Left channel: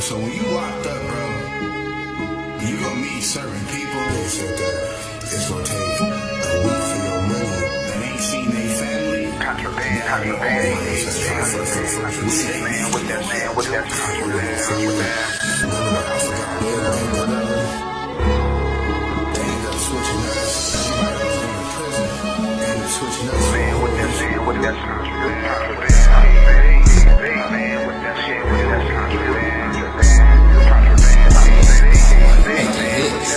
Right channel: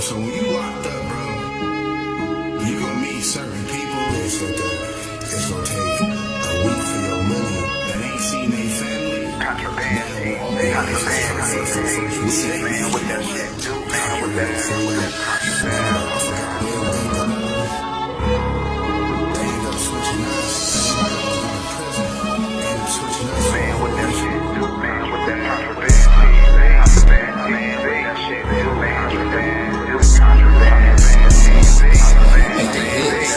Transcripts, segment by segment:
so when you locked up, bro, you gonna meet certain people. They said that it's gonna take a week for your money that ain't seen their family. Contraband, how you say, man, with that shit, with that contraband, with that. I forgot they ended up switching us. Everybody was going to prison. They ended up switching us. Man, with that shit, with that contraband, contraband, man, with that shit, with that contraband, contraband, Make the hits.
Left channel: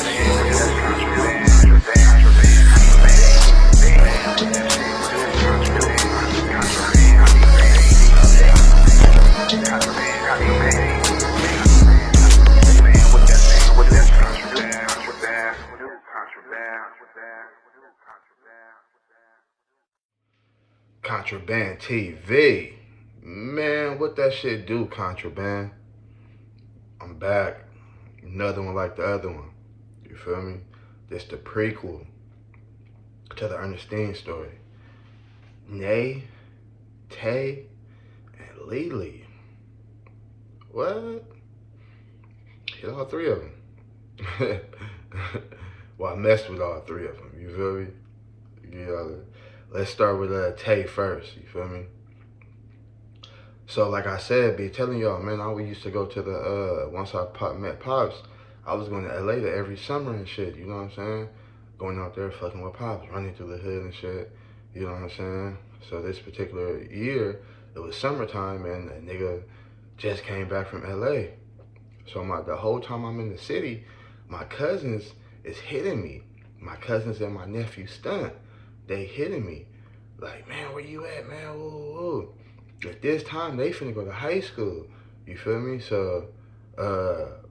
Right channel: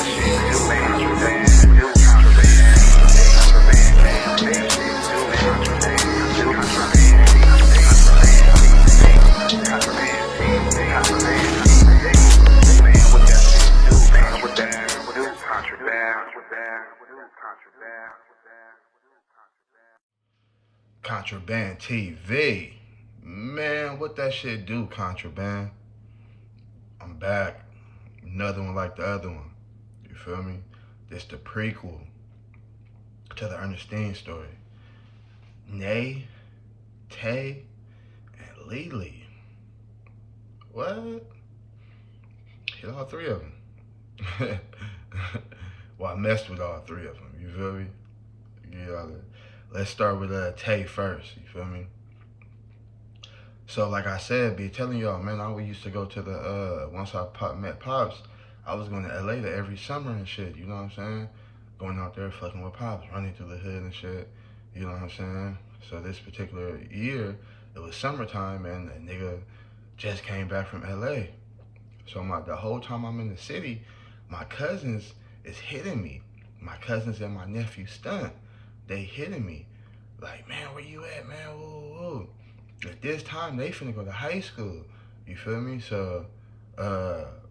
Contraband TV. Man, what that shit do, Contraband? I'm back. Another one like the other one. You feel me? This the prequel to the Ernestine story. Nae, TAE, and Lily. What? Hit all three of them. Well, I messed with all three of them. You feel me? Yeah. Let's start with TAE first. You feel me? So, like I said, be telling y'all, man, I used to go to the, once I met Pops, I was going to LA every summer and shit, you know what I'm saying? Going out there fucking with Pops, running through the hood and shit, you know what I'm saying? So this particular year, it was summertime and a nigga just came back from LA. So the whole time I'm in the city, my cousins is hitting me. My cousins and my nephew Stunt, they hitting me. Like, man, where you at, man? Woo, woo. At this time, they finna go to high school. You feel me? So,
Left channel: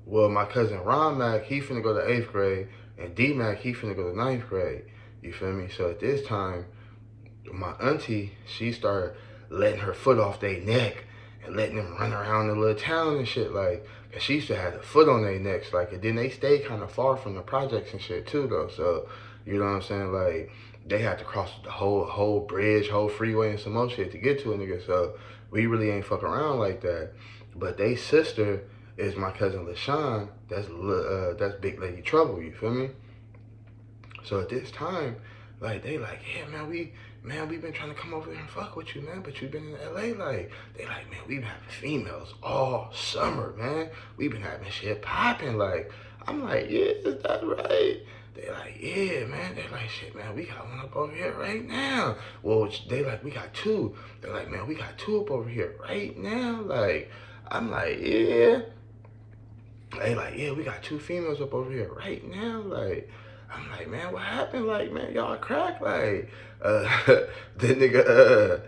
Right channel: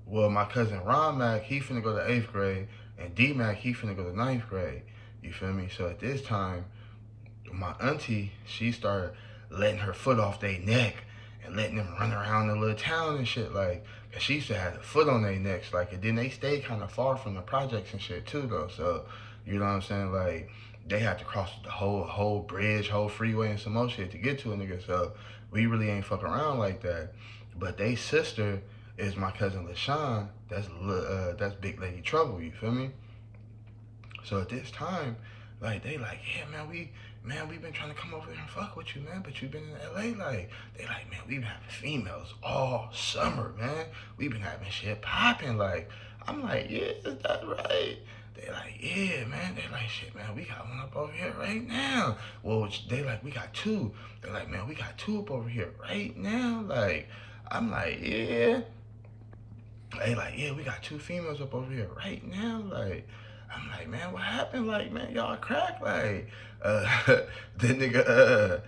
well, my cousin Ron Mac, he finna go to 8th grade, and D Mac, he finna go to 9th grade. You feel me? So at this time, my auntie, she started letting her foot off their neck and letting them run around the little town and shit, like, cause she used to have the foot on their necks, like, and then they stayed kind of far from the projects and shit too, though. So, you know what I'm saying? Like, they had to cross the whole bridge, whole freeway and some more shit to get to a nigga. So we really ain't fuck around like that. But they sister is my cousin LaShawn. That's Big Lady Trouble. You feel me? So at this time, like, they like, yeah, man, we been trying to come over there and fuck with you, man, but you been in LA. Like, they like, man, we been having females all summer, man. We been having shit popping. Like, I'm like, yeah, is that right? They like, yeah, man. They like, shit, man, we got one up over here right now. Well, they like, we got two. They're like, man, we got two up over here right now. Like, I'm like, yeah. They like, yeah, we got two females up over here right now. Like, I'm like, man, what happened? Like, man, y'all crack? Like, the nigga,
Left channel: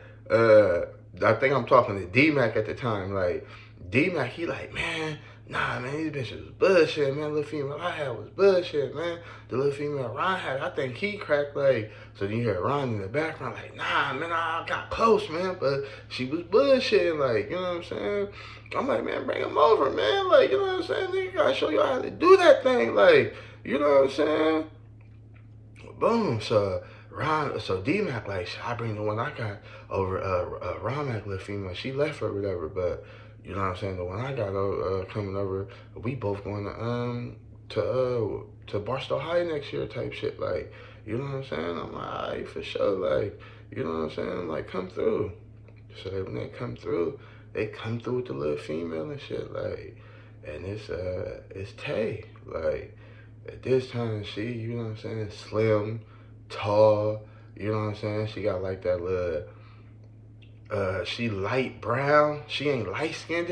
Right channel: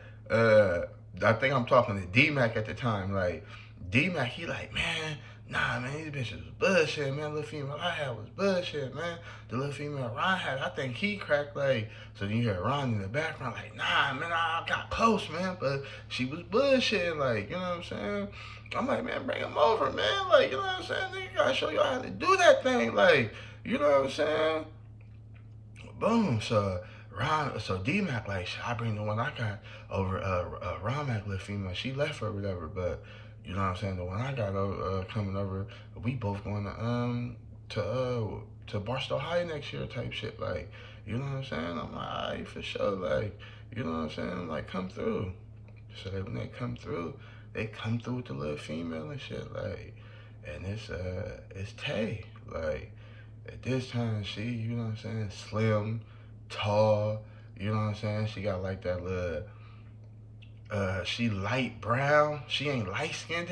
I think I'm talking to D-Mac at the time. Like, D-Mac, he like, man, nah, man, these bitches was bullshit, man. Little female I had was bullshit, man. The little female Ron had, I think he cracked, like, so then you hear Ron in the background, like, nah, man, I got close, man, but she was bullshit, like, you know what I'm saying? I'm like, man, bring him over, man, like, you know what I'm saying? Nigga, gotta show y'all how to do that thing, like, you know what I'm saying? Boom, so D-Mac, like, should I bring the one I got over, Ron Mac, little female, she left or whatever, but, you know what I'm saying, the one I got coming over, we both going to Barstow High next year type shit, like, you know what I'm saying? I'm like, all right, for sure, like, you know what I'm saying, like, come through. So when they come through with the little female and shit, like, and it's TAE, like, at this time, she, you know what I'm saying, slim, tall, you know what I'm saying, she got like that little, she light brown, she ain't light-skinned,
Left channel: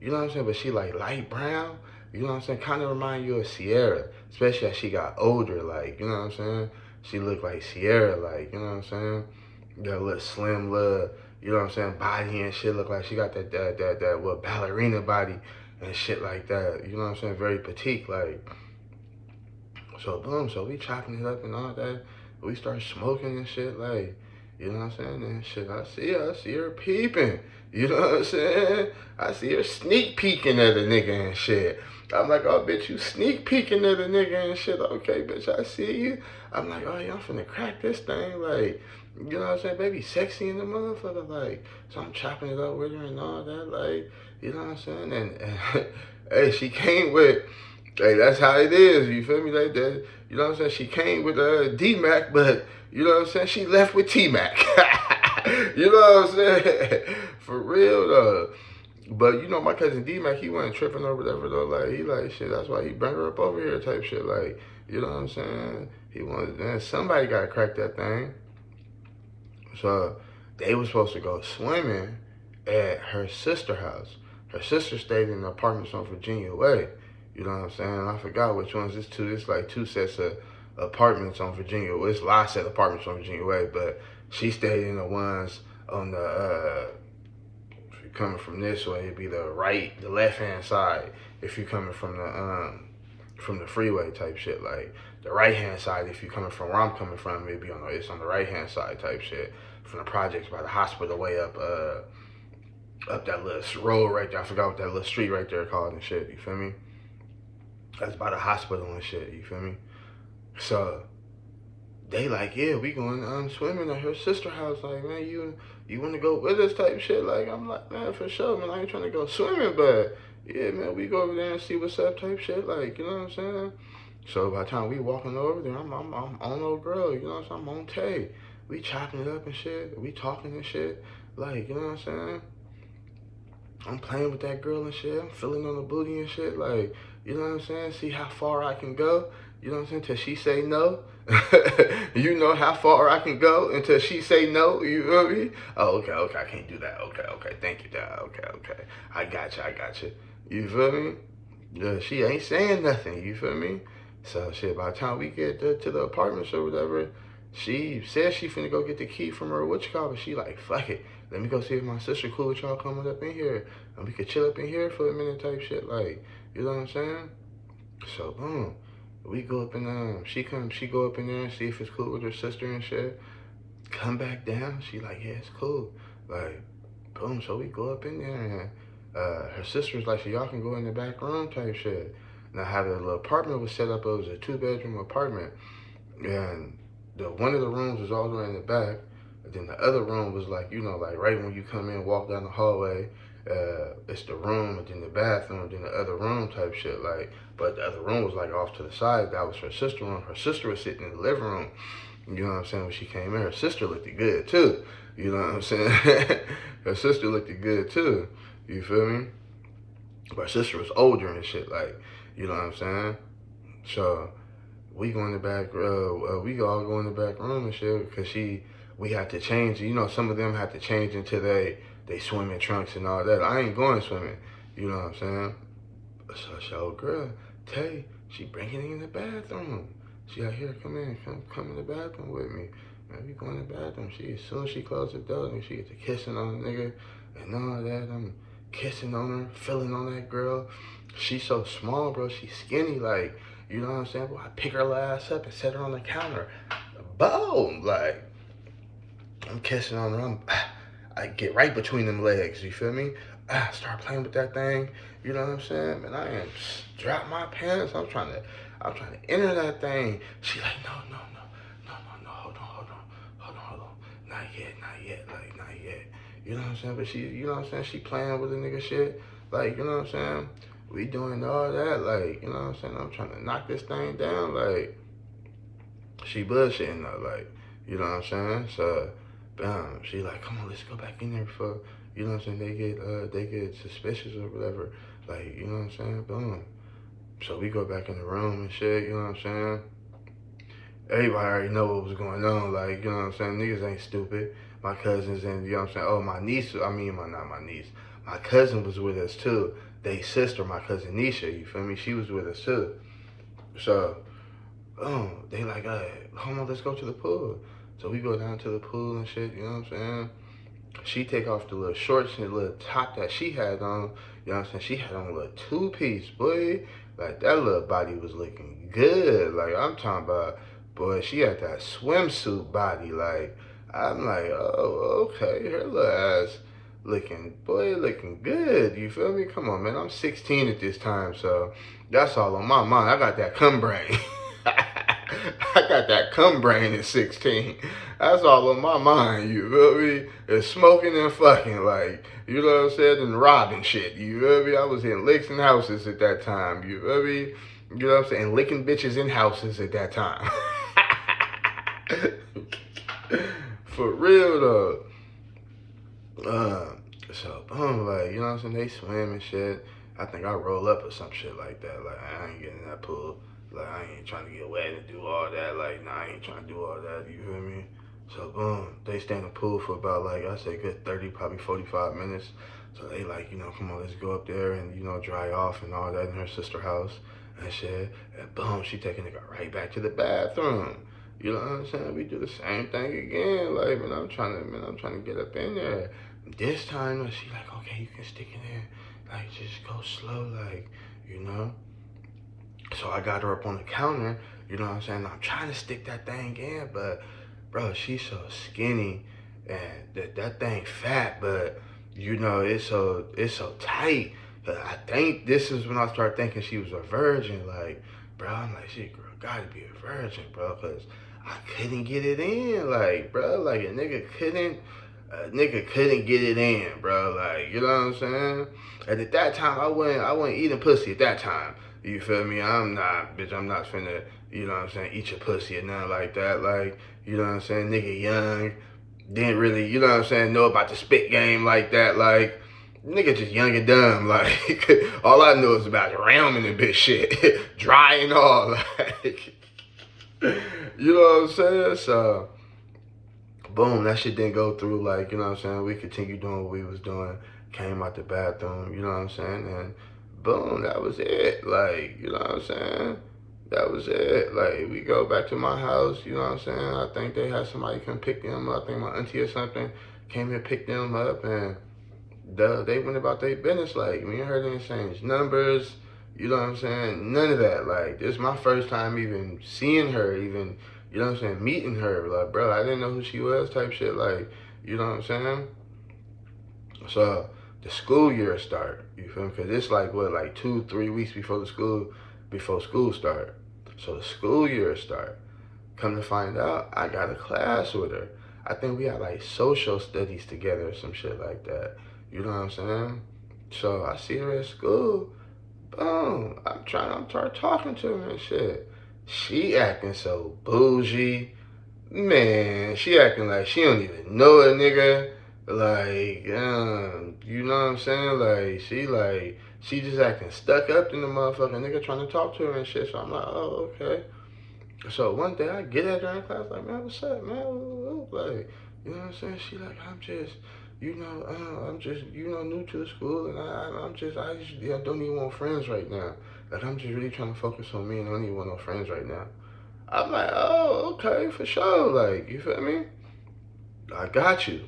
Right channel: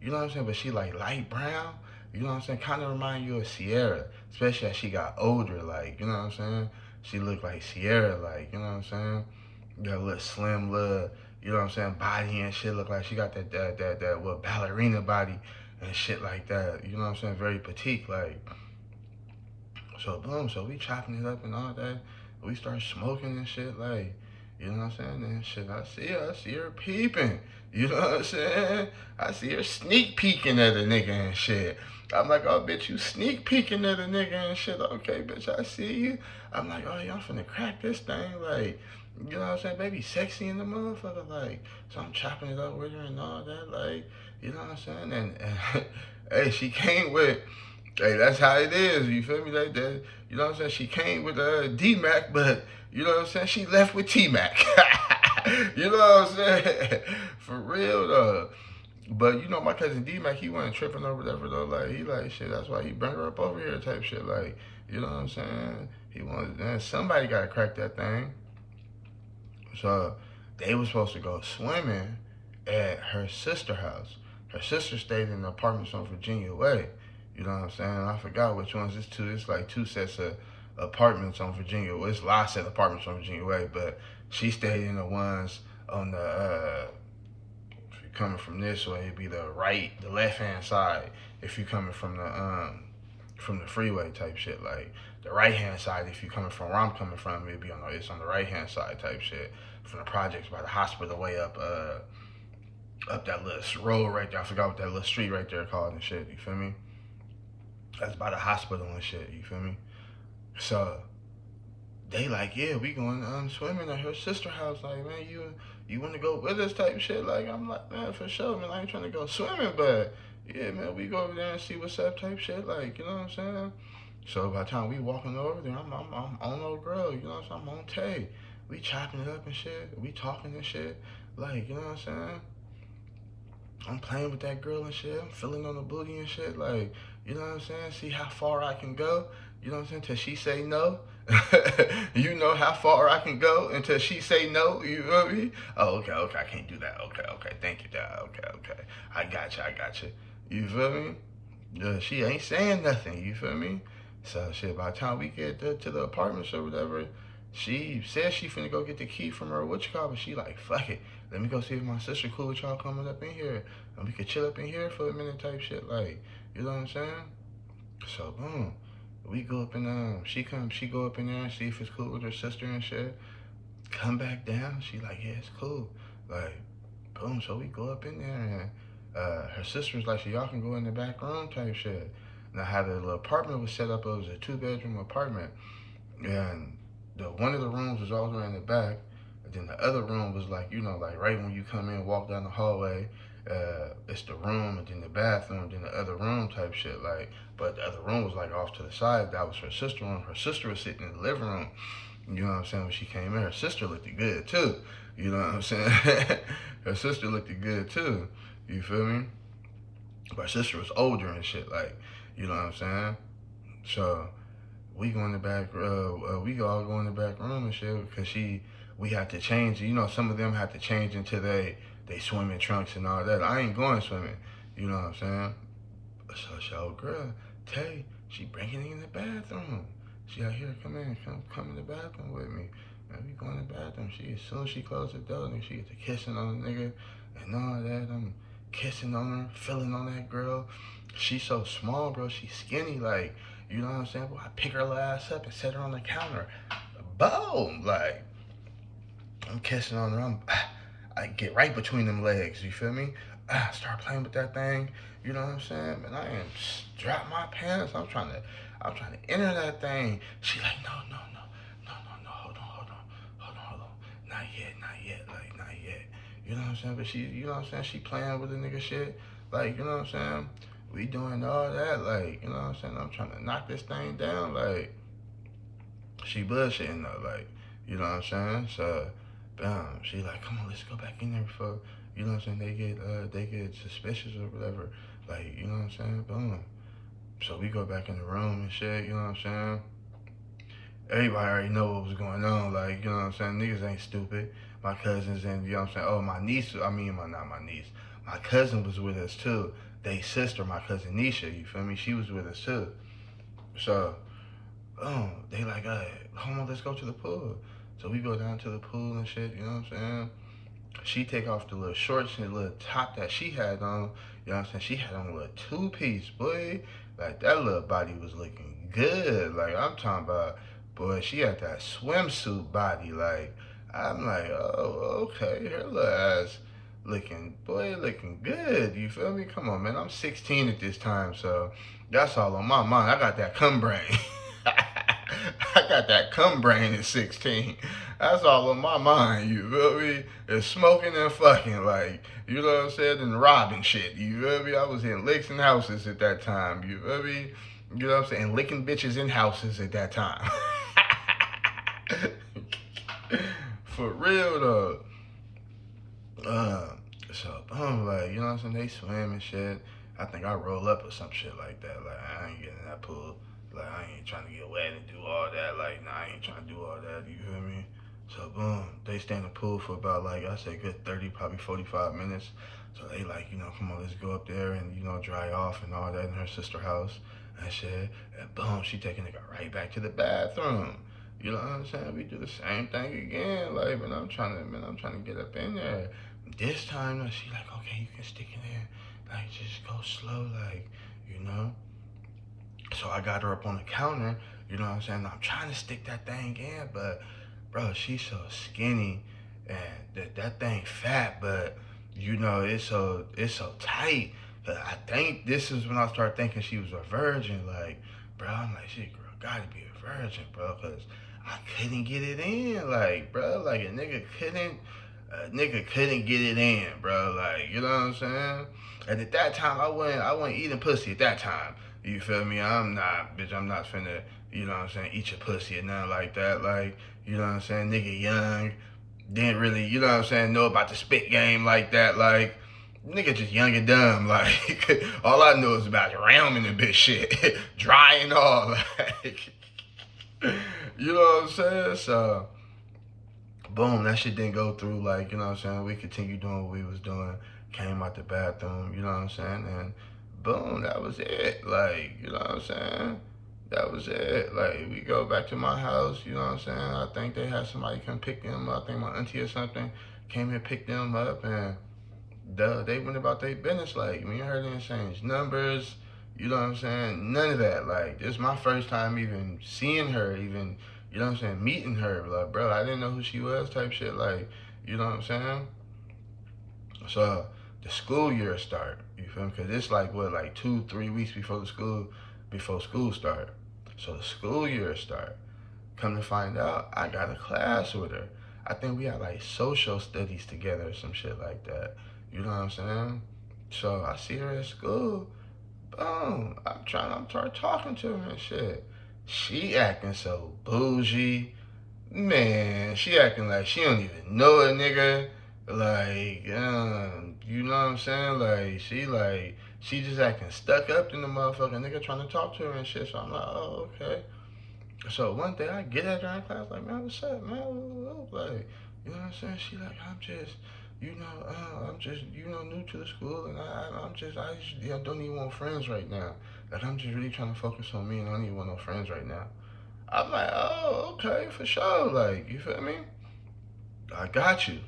you know what I'm saying, but she like light brown, you know what I'm saying, kind of remind you of Sierra, especially as she got older, like, you know what I'm saying, she looked like Sierra, like, you know what I'm saying, that little slim, little, you know what I'm saying, body and shit, look like she got that what, ballerina body and shit like that, you know what I'm saying, very petite, like. So boom, so we chopping it up and all that. We start smoking and shit, like, you know what I'm saying? And shit, I see her peeping. You know what I'm saying? I see her sneak peeking at a nigga and shit. I'm like, oh, bitch, you sneak peeking at a nigga and shit. Okay, bitch, I see you. I'm like, oh, y'all finna crack this thing. Like, You know what I'm saying? Baby sexy in the motherfucker. Like, so I'm chopping it up with her and all that. Like, you know what I'm saying? And hey, she came with, hey, that's how it is. You feel me? Like that. You know what I'm saying? She came with D-Mac, but you know what I'm saying? She left with T-Mac. You know what I'm saying? For real though. But you know, my cousin D-Mac, he wasn't tripping or whatever though. Like, he like, shit, that's why he bring her up over here type shit. Like, you know what I'm saying? He wanted, man, somebody got to crack that thing. So they was supposed to go swimming at her sister's house. Her sister stayed in the apartments on Virginia Way. You know what I'm saying? I forgot which ones. It's like two sets of apartments on Virginia. Well, it's a lot of set of apartments on Virginia Way, but she stayed in the ones on the if you're coming from this way, it'd be the left hand side. If you're coming from the freeway type shit, like the right hand side, if you're coming from where I'm coming from, it'd be it's on the right hand side type shit. From the projects by the hospital way up that little road right there. I forgot what that little street right there called and shit. You feel me? That's by the hospital and shit. You feel me? So they like, yeah, we going swimming at her sister's house. Like, man, you want to go with us type shit? Like, I'm like, man, for sure, man. I ain't trying to go swimming, but yeah, man, we go over there and see what's up type shit. Like, you know what I'm saying? So by the time we walking over there, I'm on old girl. You know what I'm saying? I'm on Tay. We chopping it up and shit. We talking and shit. Like, you know what I'm saying? I'm playing with that girl and shit. I'm feeling on the booty and shit. Like, you know what I'm saying? See how far I can go. You know what I'm saying? Till she say no. You know how far I can go until she say no. You feel me? Oh, okay. I can't do that. Okay. Thank you, Dad. Okay. I got you. You feel me? She ain't saying nothing. You feel me? So shit, by the time we get to the apartments or whatever, she says she finna go get the key from her but she like, fuck it. Let me go see if my sister cool with y'all coming up in here. And we could chill up in here for a minute type shit. Like, you know what I'm saying? So boom. We go up and she go up in there and see if it's cool with her sister and shit. Come back down. She like, yeah, it's cool. Like, boom. So we go up in there and her sister's like, so y'all can go in the back room type shit. Now how the little apartment was set up, it was a 2-bedroom apartment. And one of the rooms was all the way in the back. And then the other room was like, you know, like right when you come in, walk down the hallway, it's the room and then the bathroom, then the other room type shit. Like, but the other room was like off to the side. That was her sister's room. Her sister was sitting in the living room. You know what I'm saying? When she came in, her sister looked good too. You know what I'm saying? Her sister looked good too. You feel me? But her sister was older and shit. Like, you know what I'm saying? So we go in the back. We all go in the back room and shit because we had to change. You know, some of them had to change into they swimming trunks and all that. I ain't going swimming. You know what I'm saying? So girl, Tay, she bringing it in the bathroom. She out here, come in the bathroom with me. Man, we go in the bathroom. As soon as she closed the door, and she get to kissing on the nigga and all that. I'm kissing on her, feeling on that girl. She's so small, bro. She's skinny, like, you know what I'm saying? Bro, I pick her ass up and set her on the counter. Boom! Like, I'm kissing on her. I get right between them legs, you feel me? Start playing with that thing, you know what I'm saying? Man, I ain't drop my pants. I'm trying to enter that thing. She like, no, hold on. Not yet, like, not yet. You know what I'm saying? But she, you know what I'm saying? She playing with the nigga shit. Like, you know what I'm saying? We doing all that, like, you know what I'm saying? I'm trying to knock this thing down, like, she bullshitting though, like, you know what I'm saying? So, she like, come on, let's go back in there before, you know what I'm saying, they get suspicious or whatever, like, you know what I'm saying? Boom. So we go back in the room and shit, you know what I'm saying? Everybody already know what was going on, like, you know what I'm saying? Niggas ain't stupid. My cousins and, you know what I'm saying? Oh, my niece, not my niece. My cousin was with us too. They sister, my cousin Nisha, you feel me? She was with us too. So, they like, come on, let's go to the pool. So we go down to the pool and shit, you know what I'm saying? She take off the little shorts and the little top that she had on, you know what I'm saying? She had on a little 2-piece, boy. Like, that little body was looking good. Like, I'm talking about, boy, she had that swimsuit body. Like, I'm like, oh, okay, her little ass looking good. You feel me? Come on, man. I'm 16 at this time, so that's all on my mind. I got that cum brain. I got that cum brain at 16. That's all on my mind, you feel me? It's smoking and fucking, like, you know what I'm saying? And robbing shit, you feel me? I was in licks and houses at that time, you feel me? You know what I'm saying? Licking bitches in houses at that time. For real, though. So, boom, like, you know what I'm saying? They swim and shit. I think I roll up or some shit like that. Like, I ain't getting in that pool. Like, I ain't trying to get wet and do all that. Like, nah, I ain't trying to do all that. You feel me? So, boom, they stay in the pool for about, like, I say good 30, probably 45 minutes. So they like, you know, come on, let's go up there and, you know, dry off and all that in her sister's house and shit. And boom, she taking it right back to the bathroom. You know what I'm saying? We do the same thing again. Like, I'm trying to get up in there. This time, she like, okay, you can stick in there. Like, just go slow, like, you know? So I got her up on the counter, you know what I'm saying? I'm trying to stick that thing in, but, bro, she's so skinny, and that thing fat, but, you know, it's so tight. I think this is when I started thinking she was a virgin, like, bro, I'm like, shit, girl, gotta be a virgin, bro, because I couldn't get it in, like, bro, like, a nigga couldn't get it in, bro. Like, you know what I'm saying? And at that time, I wasn't eating pussy at that time. You feel me? I'm not finna, you know what I'm saying, eat your pussy or nothing like that. Like, you know what I'm saying? Nigga young, didn't really, you know what I'm saying, know about the spit game like that. Like, nigga just young and dumb. Like, all I know is about ramming and bitch shit. Dry and all. Like, you know what I'm saying? So, boom, that shit didn't go through. Like, you know what I'm saying? We continued doing what we was doing. Came out the bathroom, you know what I'm saying? And boom, that was it. Like, you know what I'm saying? That was it. Like, we go back to my house, you know what I'm saying? I think they had somebody come pick them up. I think my auntie or something came here, picked them up, and they went about their business. Like, me and her didn't exchange numbers, you know what I'm saying? None of that. Like, this is my first time even seeing her, even, you know what I'm saying, meeting her. Like, bro, I didn't know who she was type shit. Like, you know what I'm saying? So, the school year start, you feel me? Because it's like, what, like 2-3 weeks before school start. So, the school year start. Come to find out, I got a class with her. I think we had like social studies together or some shit like that. You know what I'm saying? So, I see her at school. Boom. I'm trying to talking to her and shit. She acting so bougie. Man, she acting like she don't even know a nigga. Like, you know what I'm saying? She just acting stuck up in the motherfucking nigga trying to talk to her and shit. So I'm like, oh, okay. So one day I get at her in class, like, man, what's up, man? Like, you know what I'm saying? She like, I'm just, you know, new to the school, and I don't even want friends right now. Like, I'm just really trying to focus on me, and I don't even want no friends right now. I'm like, oh, okay, for sure. Like, you feel me? I got you.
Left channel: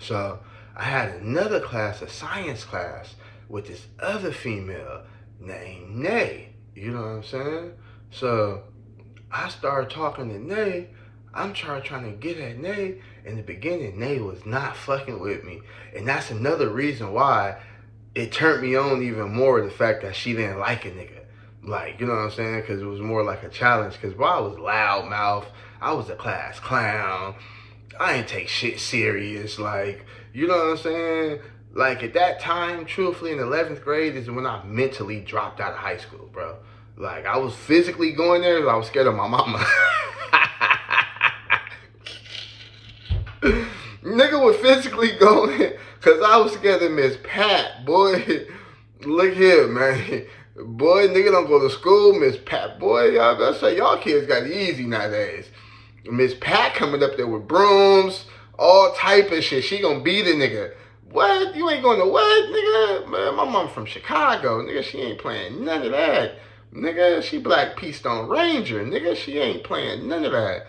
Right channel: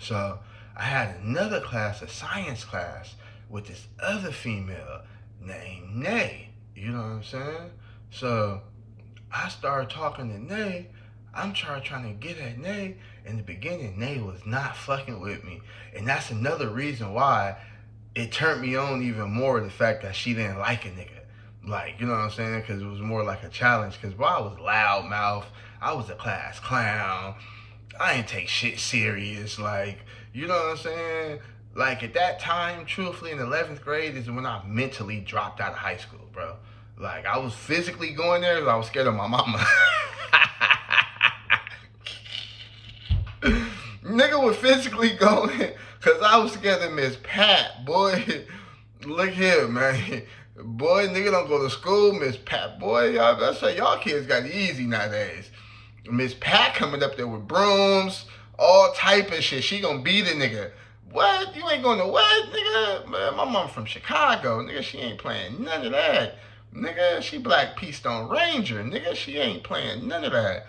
So I had another class, a science class, with this other female named Nae. You know what I'm saying? So I started talking to Nae. I'm trying to get at Nae. In the beginning, Nae was not fucking with me. And that's another reason why it turned me on even more, the fact that she didn't like a nigga. Like, you know what I'm saying? Because it was more like a challenge. Because while I was loudmouth, I was a class clown. I didn't take shit serious. Like, you know what I'm saying? Like, at that time, truthfully, in 11th grade is when I mentally dropped out of high school, bro. Like, I was physically going there because I was scared of my mama. Nigga was physically going because I was scared of Miss Pat, boy. Look here, man. Boy, nigga don't go to school. Miss Pat, boy, y'all better say y'all kids got it easy nowadays. Miss Pat coming up there with brooms, all type of shit. She gonna beat a nigga. What? You ain't going to what, nigga? Man, my mom from Chicago. Nigga, she ain't playing none of that. Nigga, she Black Peace Stone Ranger. Nigga, she ain't playing none of that.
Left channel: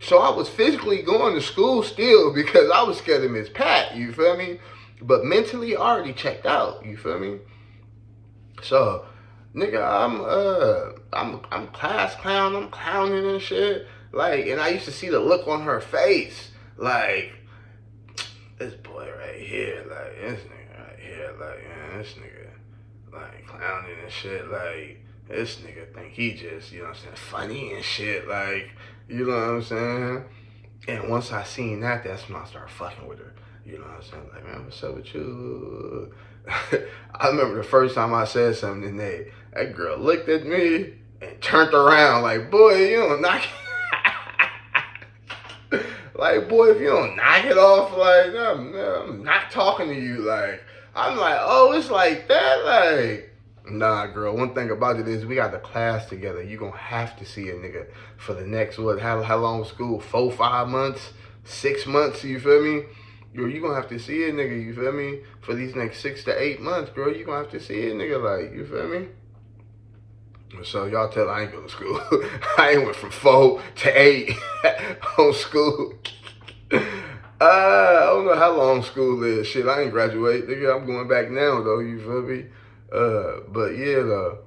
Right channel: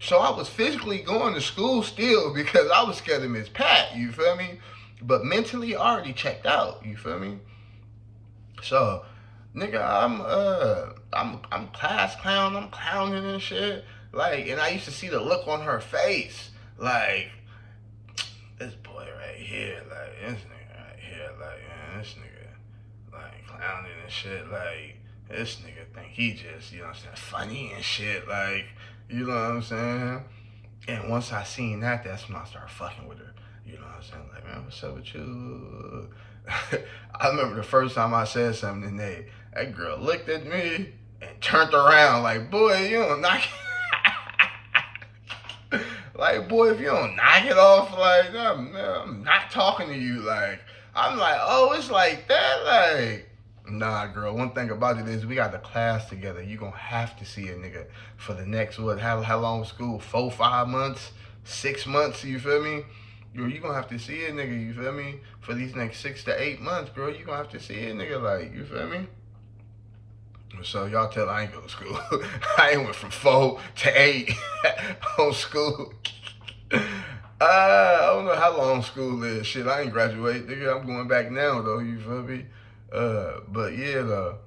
So I was physically going to school still because I was scared of Miss Pat, you feel me? But mentally, I already checked out, you feel me? So, nigga, I'm class clown, I'm clowning and shit. Like, and I used to see the look on her face, like, this boy right here, like, this nigga right here, like, man, this nigga, like, clowning and shit, like, this nigga think he just, you know what I'm saying, funny and shit, like, you know what I'm saying? And once I seen that, that's when I started fucking with her. You know what I'm saying? Like, man, what's up with you? I remember the first time I said something to Nate, that girl looked at me and turned around like, boy, you don't knock it. Like, boy, if you don't knock it off, like, I'm not talking to you. Like, I'm like, oh, it's like that? Like, nah, girl. One thing about it is we got the class together. You gonna have to see a nigga for the next, what, how long was school? 4, 5 months? 6 months, you feel me? Girl, you gonna have to see a nigga, you feel me? For these next 6 to 8 months, girl, you gonna have to see a nigga, like, you feel me? So y'all tell I ain't go to school. I ain't went from 4 to 8 on school. I don't know how long school is. Shit, I ain't graduate. Nigga, I'm going back now, though, you feel me? But yeah, though.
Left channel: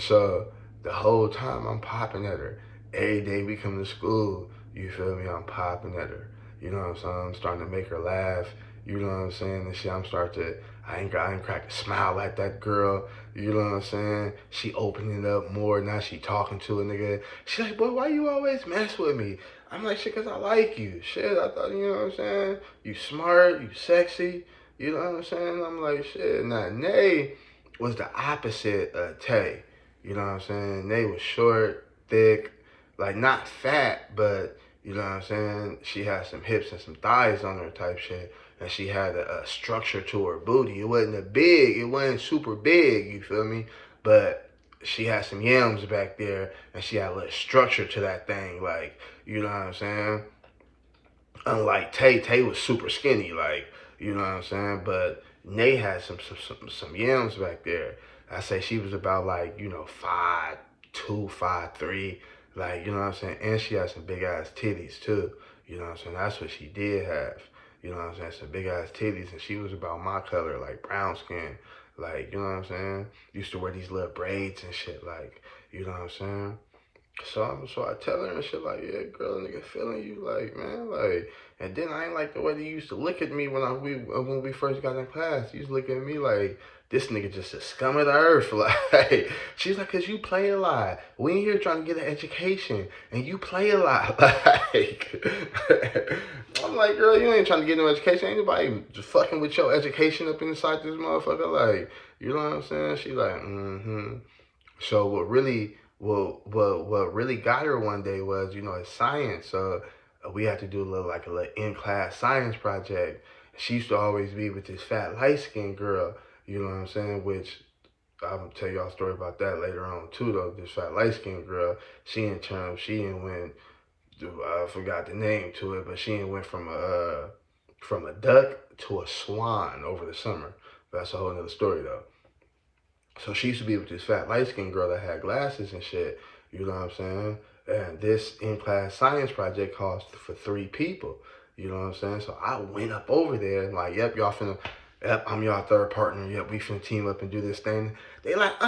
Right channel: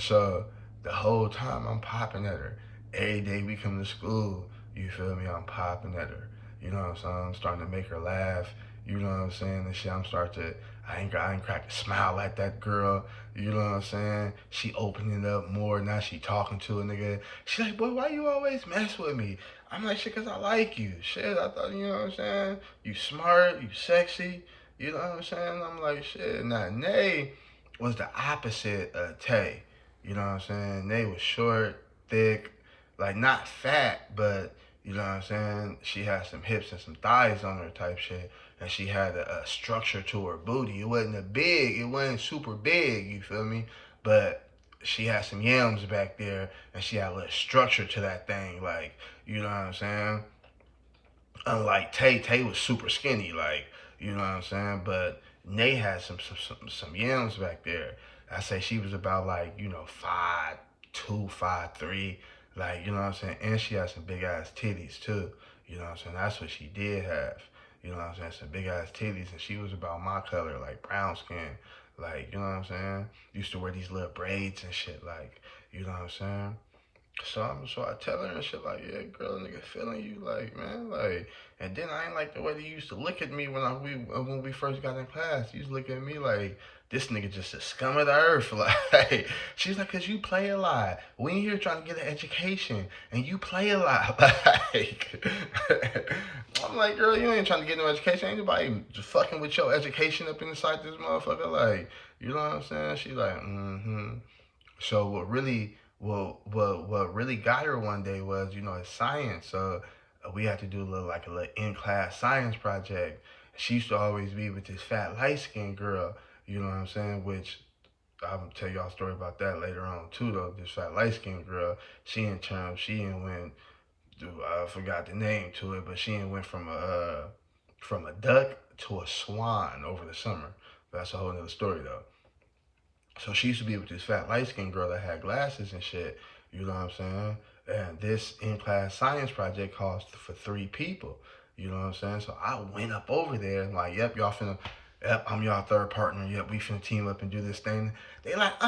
So the whole time I'm popping at her. Every day we come to school, you feel me? I'm popping at her. You know what I'm saying? I'm starting to make her laugh. You know what I'm saying? And shit, I ain't cracked a smile at that girl. You know what I'm saying? She opening up more. Now she talking to a nigga. She like, boy, why you always mess with me? I'm like, shit, cause I like you. Shit, I thought, you know what I'm saying? You smart, you sexy. You know what I'm saying? I'm like, shit. Now, Nae was the opposite of Tay. You know what I'm saying? Nae was short, thick, like not fat, but you know what I'm saying? She had some hips and some thighs on her type shit. And she had a structure to her booty. It wasn't super big, you feel me? But she had some yams back there and she had a little structure to that thing, like, you know what I'm saying? Unlike Tay was super skinny, like, you know what I'm saying? But Nae had some yams back there. I say she was about like, you know, 5'2", 5'3", like, you know what I'm saying? And she had some big ass titties too. You know what I'm saying? That's what she did have. You know what I'm saying? Some big ass titties, and she was about my color, like brown skin. Like, you know what I'm saying? Used to wear these little braids and shit, like, you know what I'm saying? So I tell her and shit like, yeah, girl, nigga feeling you, like, man, like, and then I ain't like the way they used to look at me when we first got in class. You used to look at me like, this nigga just a scum of the earth, like, she's like, cause you play a lot. We ain't here trying to get an education, and you play a lot, like, I'm like, girl, you ain't trying to get no education. Ain't nobody just fucking with your education up inside this motherfucker, like, you know what I'm saying? She like, mm-hmm. So what really got her one day was, you know, it's science. So we had to do a little in-class science project. She used to always be with this fat light-skinned girl, you know what I'm saying? Which I'm gonna tell y'all a story about that later on too, though. This fat light-skinned girl, she went, I forgot the name to it, but she went from a duck to a swan over the summer. That's a whole nother story though. So she used to be with this fat light-skinned girl that had glasses and shit. You know what I'm saying? And this in-class science project cost for 3 people. You know what I'm saying? So I went up over there and like, yep, I'm y'all third partner. Yep, we finna team up and do this thing. They like,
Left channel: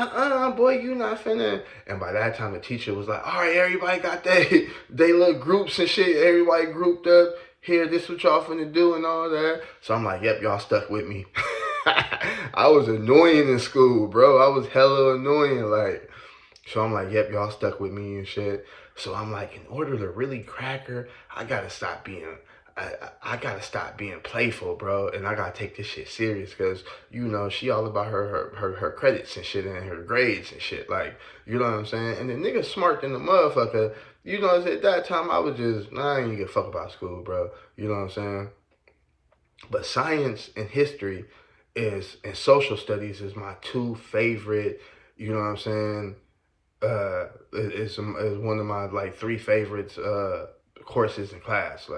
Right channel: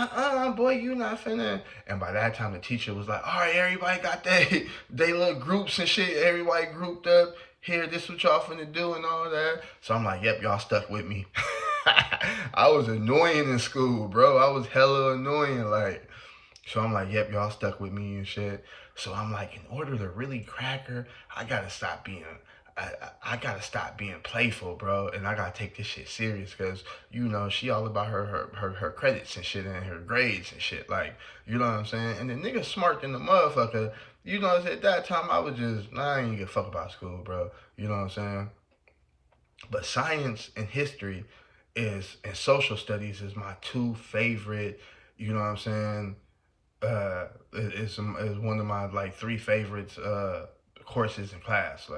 boy, you not finna. And by that time, the teacher was like, all right, everybody got they little groups and shit. Everybody grouped up. Here, this what y'all finna do and all that. So I'm like, yep, y'all stuck with me. I was annoying in school, bro. I was hella annoying, like. So I'm like, yep, y'all stuck with me and shit. So I'm like, in order to really crack her, I gotta stop being playful, bro. And I gotta take this shit serious because, you know, she all about her credits and shit and her grades and shit. Like, you know what I'm saying? And the nigga smart than the motherfucker. You know, at that time, I ain't give a fuck about school, bro. You know what I'm saying? But science and history and social studies is my 2 favorite, you know what I'm saying? Is one of my like 3 favorites courses in class.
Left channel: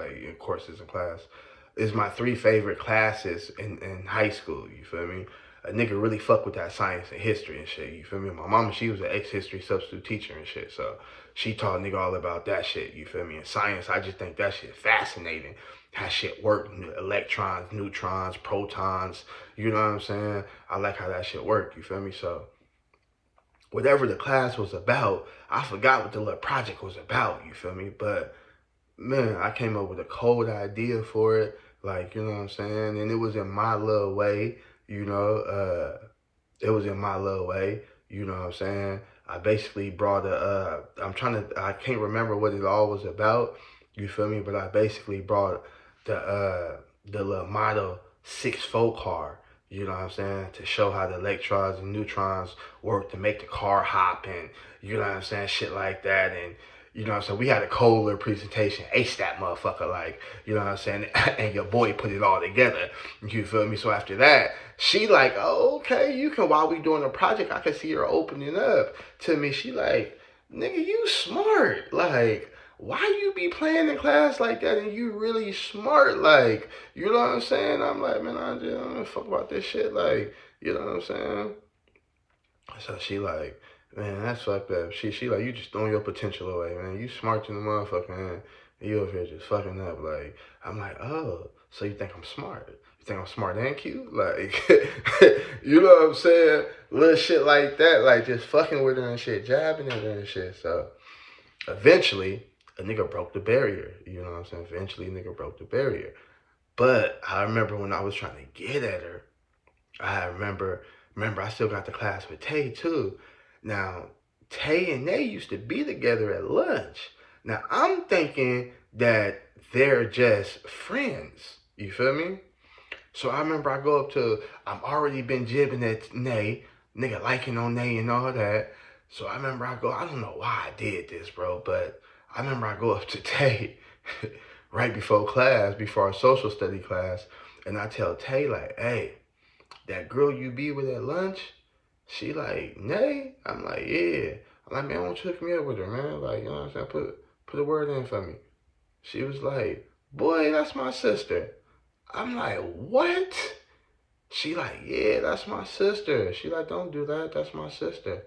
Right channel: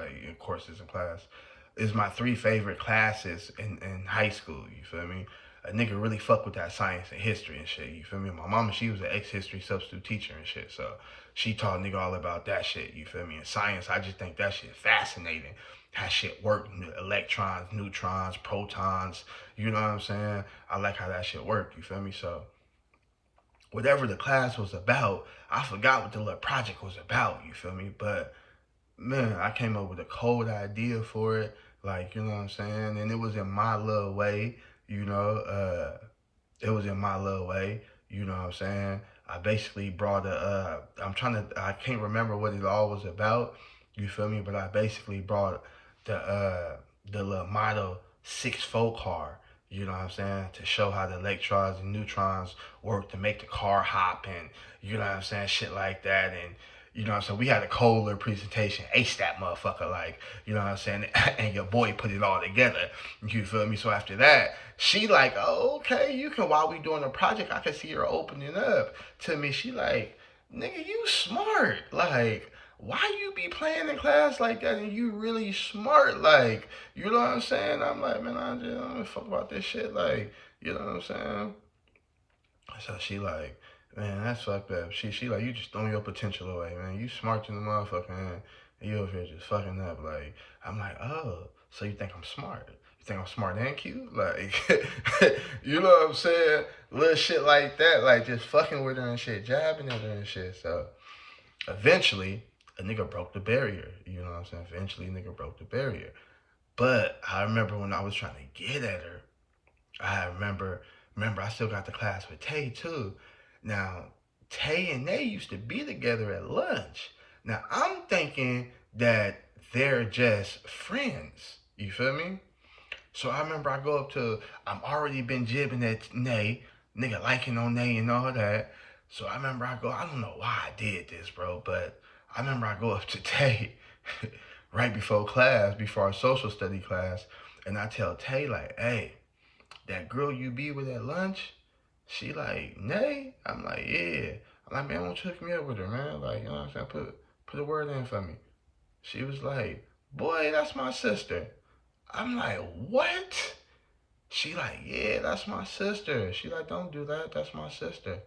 Is my 3 favorite classes in high school, you feel me? A nigga really fuck with that science and history and shit, you feel me? My mama, she was an ex-history substitute teacher and shit, so she taught nigga all about that shit, you feel me? And science, I just think that shit fascinating. How shit work, electrons, neutrons, protons, you know what I'm saying? I like how that shit work, you feel me? So whatever the class was about, I forgot what the little project was about, you feel me? But man, I came up with a cold idea for it, like, you know what I'm saying? And it was in my little way, you know, you know what I'm saying? I basically brought I can't remember what it all was about, you feel me? But I basically brought the little Model 6 car, you know what I'm saying, to show how the electrons and neutrons work to make the car hop and, you know what I'm saying, shit like that. And, you know what I'm saying, we had a cold little presentation, ace that motherfucker, like, you know what I'm saying, and your boy put it all together, you feel me? So after that, she like, oh, okay, you can, while we doing a project, I can see her opening up to me. She like, nigga, you smart, like, why you be playing in class like that and you really smart, like, you know what I'm saying? I'm like, man, I just don't fuck about this shit, like, you know what I'm saying? So she like, man, that's fucked up. She like, you just throwing your potential away, man. You smart than the motherfucker, man. You over here just fucking up. Like, I'm like, oh, so you think I'm smart? You think I'm smart and cute? Like, you know what I'm saying? Little shit like that, like just fucking with her and shit, jabbing at her and shit. So eventually, a nigga broke the barrier. You know what I'm saying? Eventually, a nigga broke the barrier. But I remember when I was trying to get at her, I remember I still got the class with Tay too. Now, Tay and they used to be together at lunch. Now, I'm thinking that they're just friends. You feel me? So I remember I go up to, I'm already been jibbing at Nay, nigga liking on Nay and all that. So I remember I go, I don't know why I did this, bro, but I remember I go up to Tay right before class, before our social study class, and I tell Tay like, hey, that girl you be with at lunch, she like, Nay? I'm like, yeah. I'm like, man, why don't you hook me up with her, man? Like, you know what I'm saying? Put a word in for me. She was like, boy, that's my sister. I'm like, what? She like, yeah, that's my sister. She like, don't do that. That's my sister.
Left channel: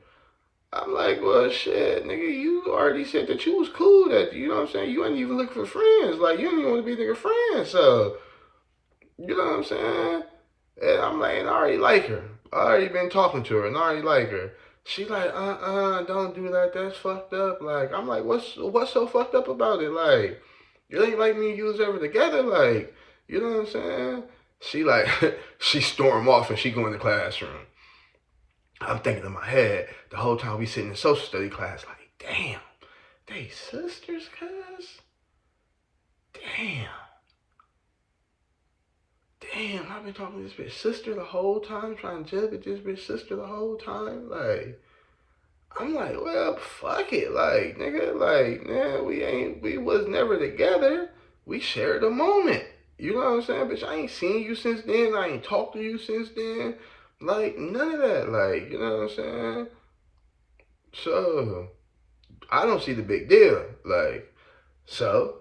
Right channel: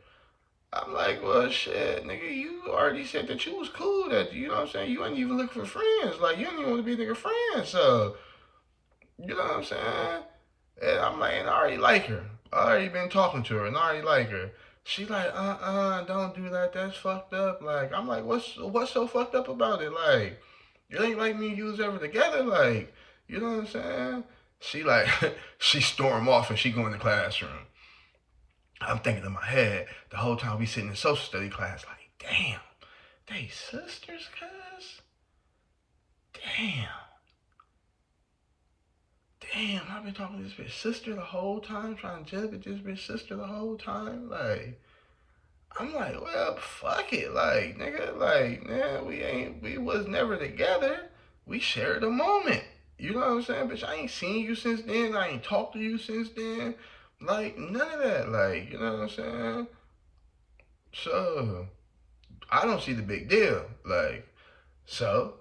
I'm like, well, shit, nigga, you already said that you was cool. That, you know what I'm saying? You ain't even looking for friends. Like, you don't even want to be nigga friends. So, you know what I'm saying? And I'm like, and I already like her. I already been talking to her and I already like her. She like, don't do that. That's fucked up. Like, I'm like, what's so fucked up about it? Like, you ain't like me and you was ever together. Like, you know what I'm saying? She like, she storm off and she go in the classroom. I'm thinking in my head the whole time we sitting in social study class, like, damn, they sisters, cuz? Damn. Damn, I've been talking to this bitch sister the whole time, trying to judge this bitch sister the whole time. Like, I'm like, well, fuck it. Like, nigga, like, man, we was never together. We shared a moment. You know what I'm saying? Bitch, I ain't seen you since then. I ain't talked to you since then. Like, none of that. Like, you know what I'm saying? So, I don't see the big deal. Like, so,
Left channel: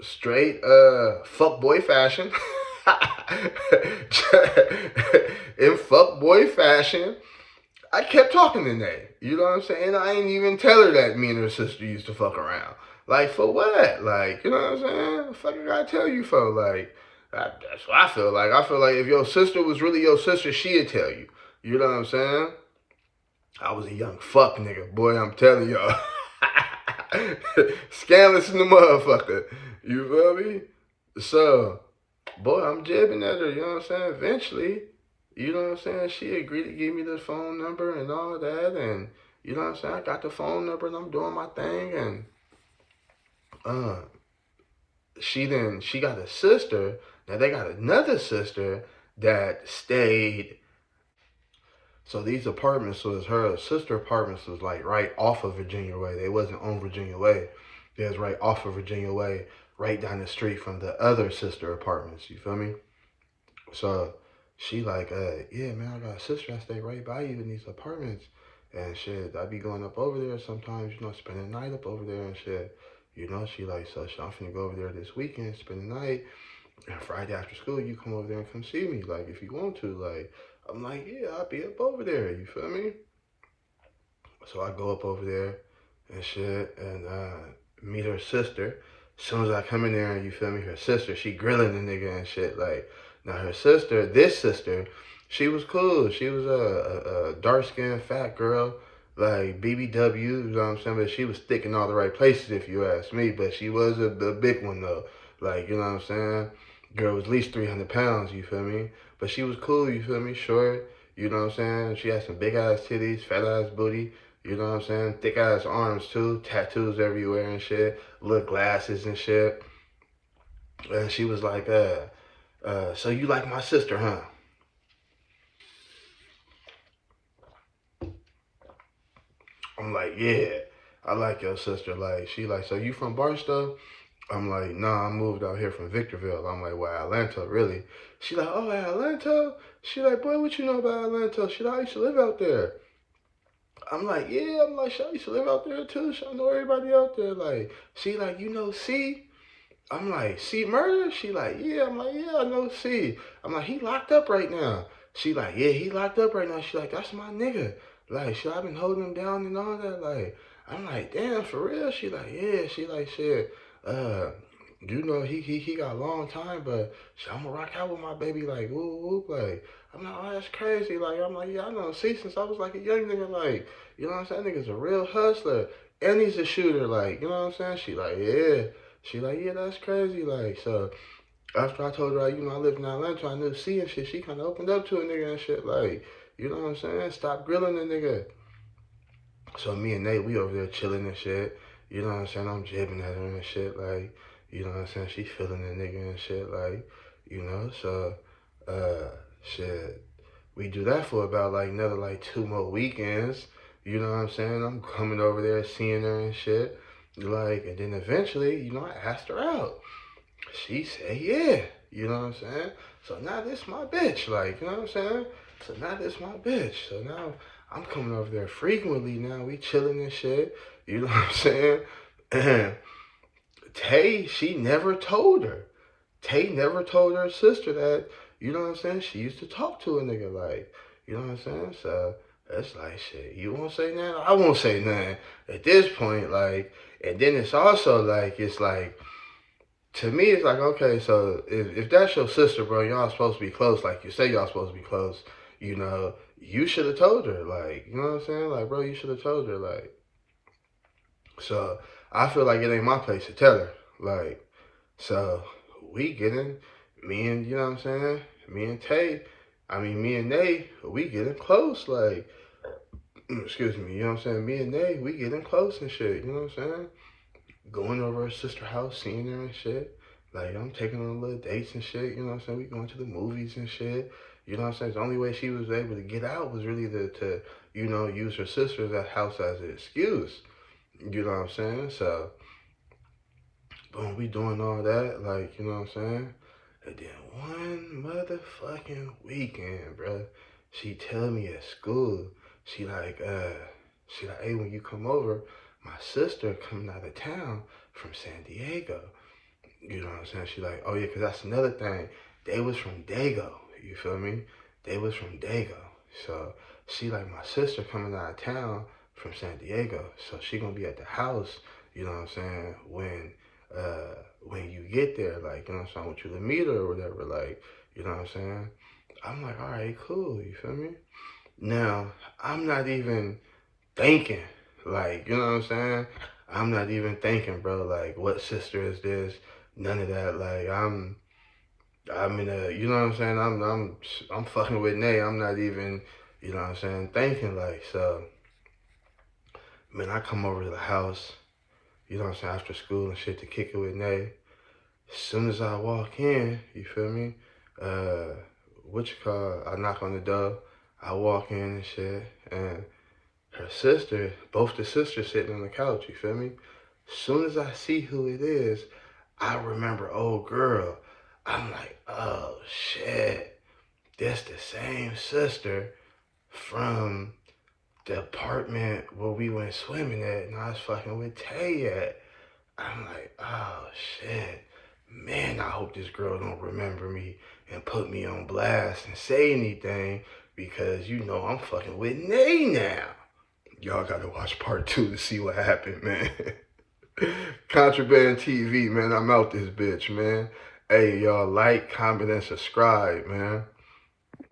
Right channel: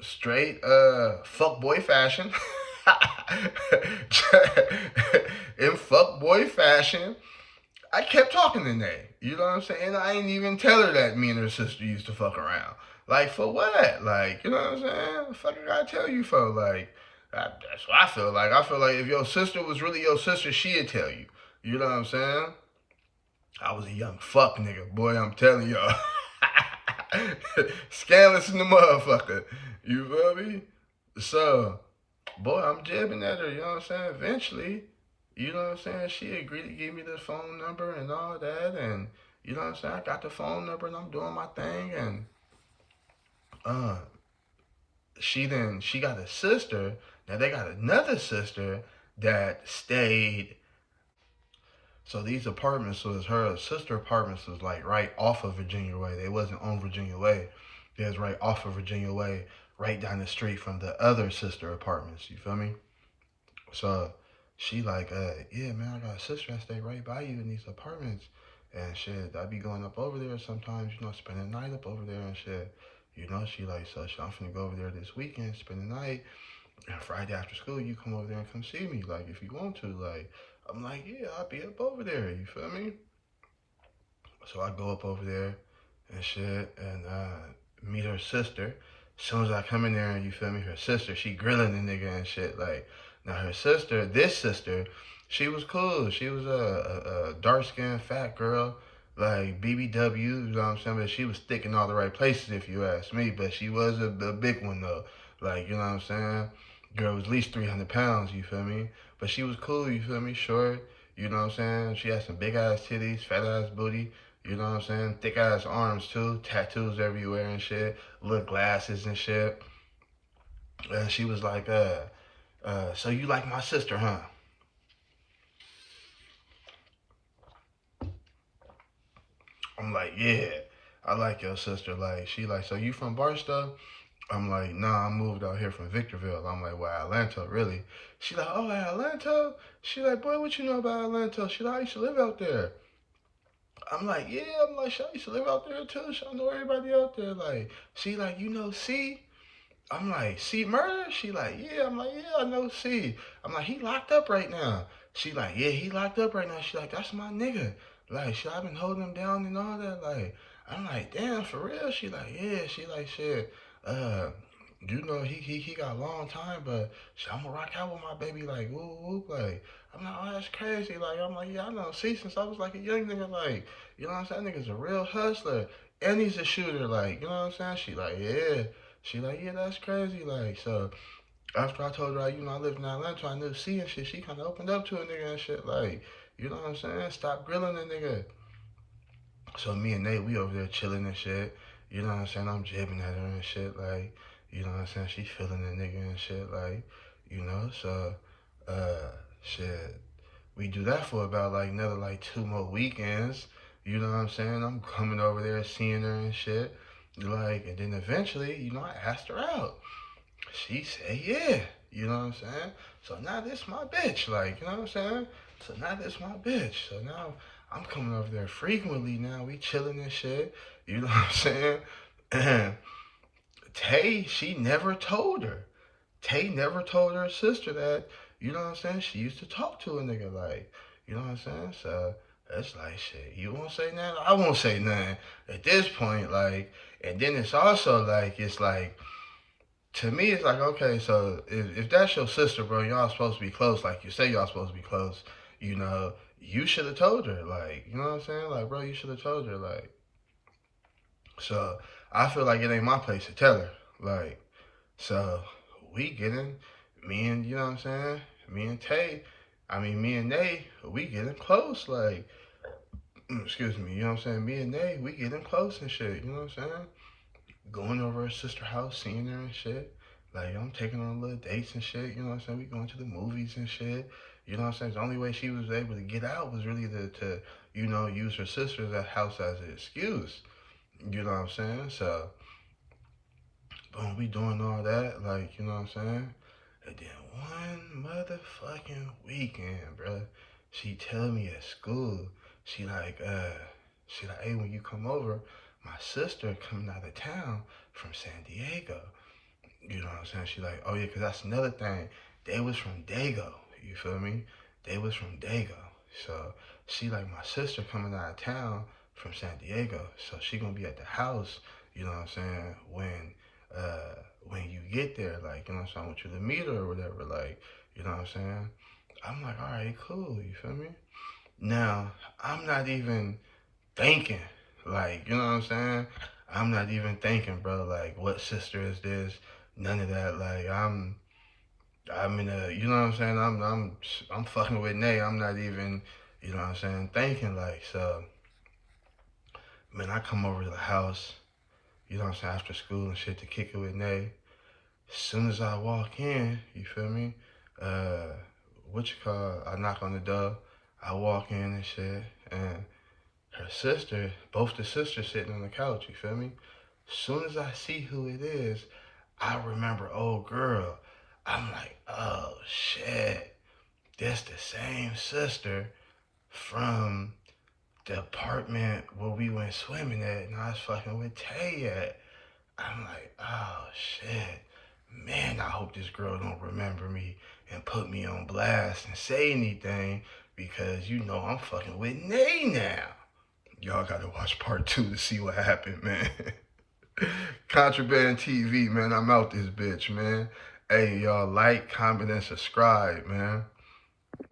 straight fuckboy fashion. In fuckboy fashion, I kept talking to Nay. You know what I'm saying? I ain't even tell her that me and her sister used to fuck around. Like, for what? Like, you know what I'm saying? The fuck I gotta tell you for? Like, that's what I feel like. I feel like if your sister was really your sister, she'd tell you. You know what I'm saying? I was a young fuck nigga. Boy, I'm telling y'all. Scandalous in the motherfucker. You feel me? So, boy, I'm jibbing at her, you know what I'm saying? Eventually, you know what I'm saying? She agreed to give me the phone number and all that. And, you know what I'm saying? I got the phone number and I'm doing my thing. And she got a sister. Now, they got another sister that stayed. So these apartments was her sister apartments was like right off of Virginia Way. They wasn't on Virginia Way. They was right off of Virginia Way, right down the street from the other sister apartments. You feel me? So she like, yeah, man, I got a sister that stay right by you in these apartments. And shit, I be going up over there sometimes, you know, spend the night up over there and shit. You know, she like, so I'm finna go over there this weekend, spend the night. And Friday after school, you come over there and come see me, like, if you want to. Like, I'm like, yeah, I'll be up over there, you feel me? So I go up over there and shit and meet her sister. As soon as I come in there, you feel me, her sister, she grilling the nigga and shit. Like, now her sister, this sister, she was cool. She was a dark-skinned fat girl, like BBW, you know what I'm saying? But she was thick in all the right places, if you ask me. But she was a big one, though. Like, you know what I'm saying? Girl was at least 300 pounds, you feel me? But she was cool, you feel me? Short, You know what I'm saying? She had some big ass titties, fat ass booty. You know what I'm saying? Thick ass arms too, tattoos everywhere and shit, little glasses and shit. And she was like, so you like my sister, huh? I'm like, yeah, I like your sister. Like, she like, so you from Barstow? I'm like, nah, I moved out here from Victorville. I'm like, well, Atlanta, really? She like, oh, Atlanta? She like, boy, what you know about Atlanta? She like, I used to live out there. I'm like, yeah, I'm like, I used to live out there too. I know everybody out there. Like, she like, you know, C? I'm like, C murder? She like, yeah. I'm like, yeah, I know C. I'm like, he locked up right now. She like, yeah, he locked up right now. She like, that's my nigga. Like, shit, I've been holding him down and all that. Like, I'm like, damn, for real? She like, yeah. She like, shit, uh, you know, he got a long time, but shit, I'm gonna rock out with my baby, like, whoop, whoop, like, I'm like, oh, that's crazy. Like, I'm like, yeah, I know C since I was like a young nigga, like, you know what I'm saying? That nigga's a real hustler. And he's a shooter, like, you know what I'm saying? She like, yeah. She like, yeah, that's crazy. Like, so after I told her, like, you know, I lived in Atlanta, I knew C and shit, she kind of opened up to a nigga and shit. Like, you know what I'm saying? Stop grilling the nigga. So me and Nate, we over there chilling and shit. You know what I'm saying? I'm jibbing at her and shit. Like, you know what I'm saying? She feeling the nigga and shit. Like, you know, so, shit. We do that for about like another like 2 more weekends. You know what I'm saying? I'm coming over there, seeing her and shit. Like, and then eventually, you know, I asked her out. She said, yeah. You know what I'm saying? So now this my bitch. Like, you know what I'm saying? So now this my bitch. So now I'm coming over there frequently now. We chilling and shit. You know what I'm saying? And Tay, she never told her. Tay never told her sister that, you know what I'm saying? She used to talk to a nigga like, you know what I'm saying? So that's like shit. You won't say nothing? I won't say nothing at this point. Like, and then it's also like, it's like, to me, it's like, okay, so if that's your sister, bro, y'all supposed to be close, like you say y'all supposed to be close, you know, you should have told her, like, you know what I'm saying? Like, bro, you should have told her, like, so I feel like it ain't my place to tell her, like, so we getting, me and, you know what I'm saying? Me and Tay, me and Nay, we getting close, like, excuse me, you know what I'm saying? Me and Nay, we getting close and shit, you know what I'm saying? Going over her sister house, seeing her and shit. Like, I'm taking her on little dates and shit, you know what I'm saying? We going to the movies and shit. You know what I'm saying? The only way she was able to get out was really to you know, use her sister's house as an excuse. You know what I'm saying? So, boom, we doing all that, like, you know what I'm saying? And then one motherfucking weekend, bruh, she tell me at school, she like, hey, when you come over, my sister coming out of town from San Diego. You know what I'm saying? She like, oh yeah, cause that's another thing. They was from Dago. You feel me? They was from Dago. So she like, my sister coming out of town from San Diego. So she gonna be at the house, you know what I'm saying, when you get there, like, you know what I'm saying, I want you to meet her or whatever, like, you know what I'm saying? I'm like, all right, cool, you feel me? Now, I'm not even thinking, like, you know what I'm saying? I'm not even thinking, bro, like, what sister is this? None of that. Like, I'm in a, you know what I'm saying? I'm fucking with Nay. I'm not even, you know what I'm saying, thinking, like, so, man, I come over to the house, you know what I'm saying, after school and shit to kick it with Nay. As soon as I walk in, you feel me? I knock on the door, I walk in and shit, and her sister, both the sisters sitting on the couch, you feel me? As soon as I see who it is, I remember old girl. I'm like, oh shit, that's the same sister from the apartment where we went swimming at and I was fucking with Tay at. I'm like, oh shit, man, I hope this girl don't remember me and put me on blast and say anything because you know I'm fucking with Nay now. Y'all gotta watch part 2 to see what happened, man. Contraband TV, man. I'm out this bitch, man. Hey, y'all like, comment, and subscribe, man.